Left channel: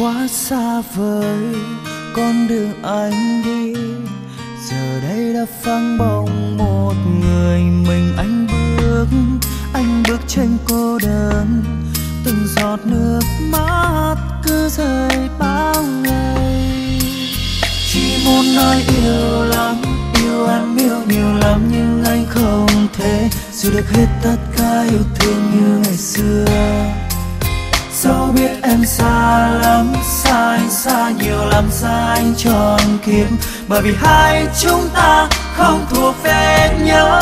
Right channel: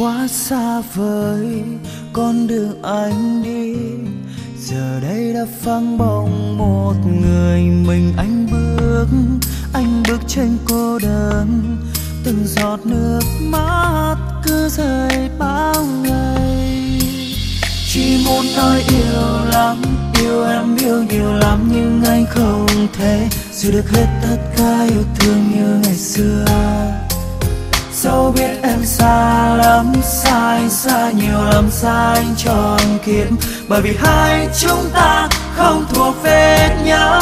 quá xa vời con đường anh đi. Giờ đây đã phăng bóng một người mình anh bước trên cô đơn. Từng giọt nước mắt cứ rơi bao ngày. Chỉ muốn nói yêu lắm, yêu em yêu nhiều lắm, nhưng anh không thể giữ được hết tất cả yêu thương như ngày xưa. Dẫu biết em xa lắm, xa anh xa nhiều lắm, xa anh trọn kiếp, bởi vì hai chúng ta không thuộc về nhau.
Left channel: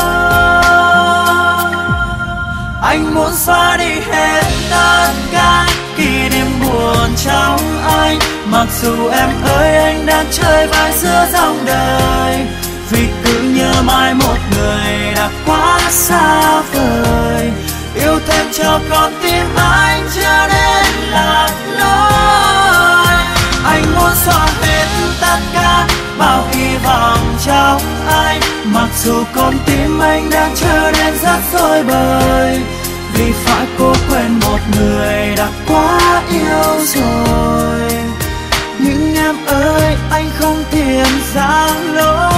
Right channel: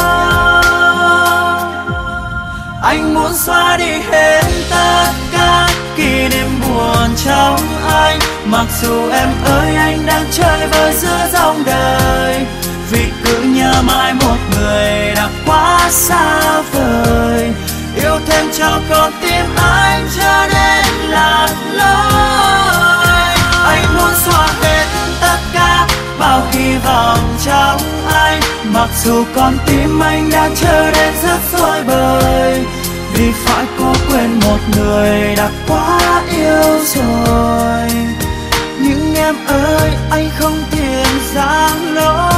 Anh muốn xóa đi hết tất cả kỷ niệm buồn trong anh, mặc dù em ơi anh đang chơi vơi giữa dòng đời. Vì cứ nhớ mãi một người đã quá xa vời, yêu thêm cho con tim anh trở nên lạc lối. Anh muốn xóa hết tất cả bao hy vọng trong anh, mặc dù con tim anh đã trở nên rất rối bời. Vì phải cố quên một người đã quá yêu rồi. Nhưng em ơi anh không tiền giang lối.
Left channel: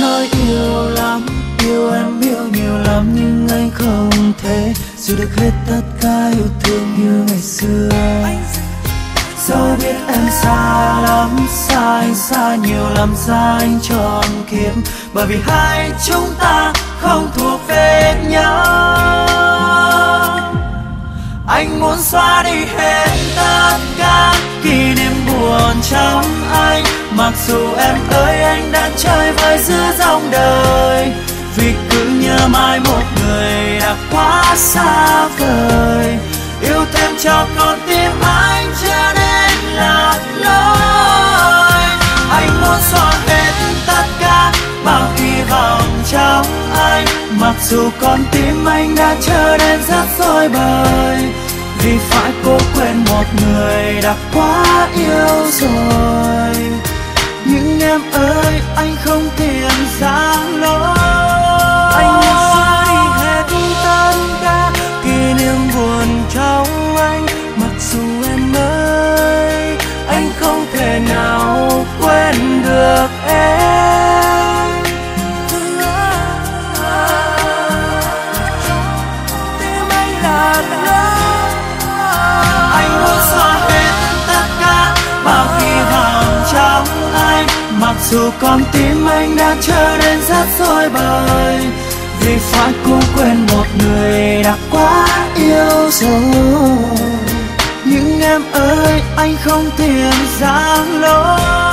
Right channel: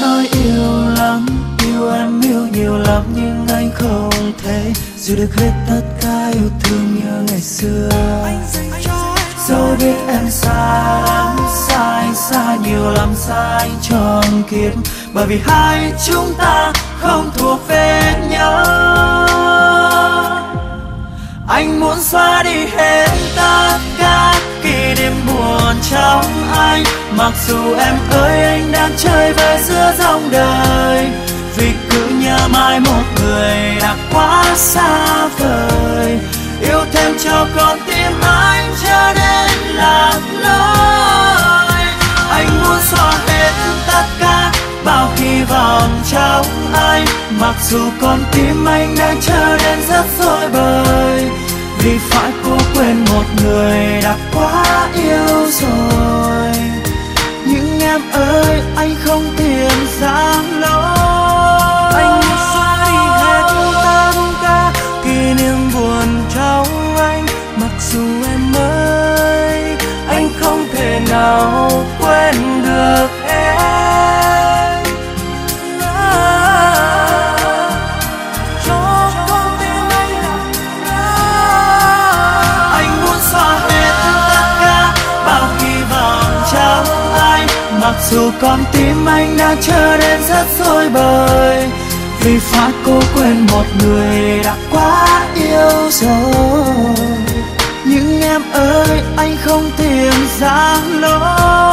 Nói yêu lắm, yêu em yêu nhiều lắm, nhưng anh không thể giữ được hết tất cả yêu thương như ngày xưa. Dẫu biết em xa lắm, xa anh xa nhiều lắm, xa anh trọn kiếp, bởi vì hai chúng ta không thuộc về nhau. Anh muốn xóa đi hết tất cả kỷ niệm buồn trong anh, mặc dù em ơi anh đã chơi vơi giữa dòng đời. Vì cứ nhớ mãi một người đã quá xa vời, yêu thêm cho con tim anh trở nên lạc lối. Anh muốn xóa hết tất cả bao hy vọng trong anh, mặc dù con tim anh đã trở nên rất rối bời. Vì phải cố quên một người đã quá yêu rồi. Nhưng em ơi anh không tiền giang lối. Anh muốn xóa đi hết tất cả kỷ niệm buồn trong anh, mặc dù em ơi anh không thể nào quên được em. Mặc dù con tim anh đã trở nên rất rối bời, vì phải cố quên một người đã quá yêu rồi. Nhưng em ơi anh không tiền giang lối.